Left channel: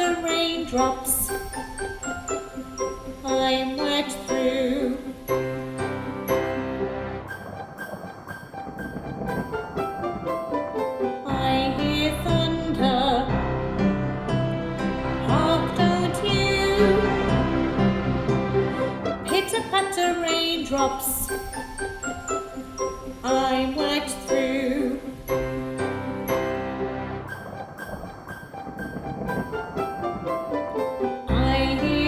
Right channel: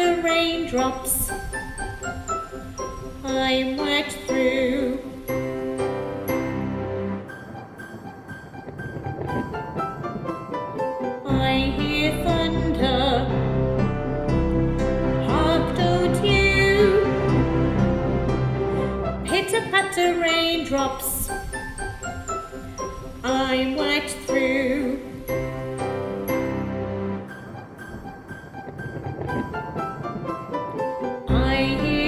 patter raindrops, I'm wet through. I hear thunder, hark don't you? Pitter-patter raindrops, I'm wet through. I hear